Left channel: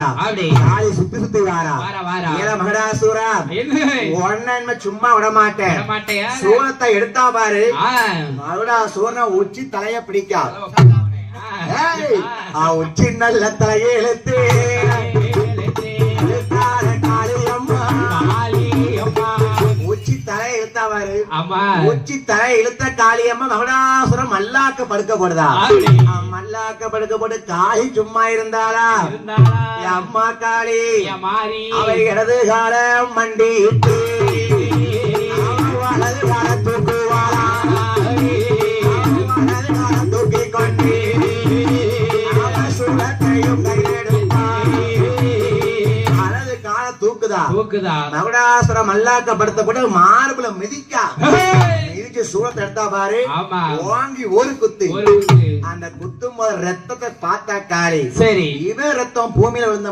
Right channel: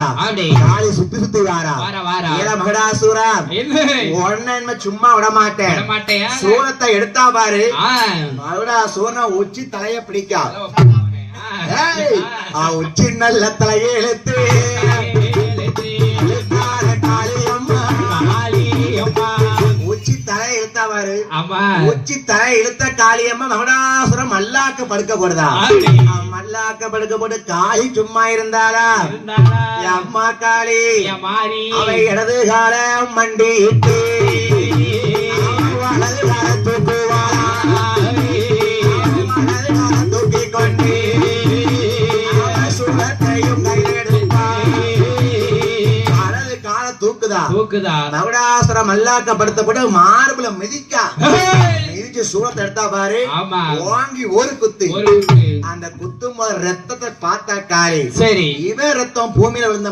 காளி சுத்தி சுத்தி வாரா ஏல மகடாசுரா உடனே சும்மா விட மாட்டேன் சூரத்தை எடுத்தா பாரு மகடாசுரனை உச்சி தலைய பிடிக்கா உச்சி நல்ல தலையை இழுத்து உச்சி தலையை இழுத்தா பாரு உச்சி தலையை இழுத்த காளியம்மா மகடாசுரம் மல்லாக்க படுக்க போடுதா மல்லாக்க படுக்க போட்டு காளி சும்மா இருந்தாரா அம்மா காளி அவை இடது கால மண்டிட்டு வலது கால தூக்குவா வலது கால தூக்கி கொண்டு சுரத்தையும் கையெடுப்பா வலது கால தூக்குதா மகுடாசுரம் மல்லாக்க படுத்தப்பட்டு மார்புல மிதிக்கா மிதிச்சு சூரத்தை எடுத்தா பாரு வாங்கி ஒரு குத்து அந்த குத்தும் போது ரத்தத்தை பார்த்தா காளி சரி இவன் ரத்தம் பூமியில விழுந்த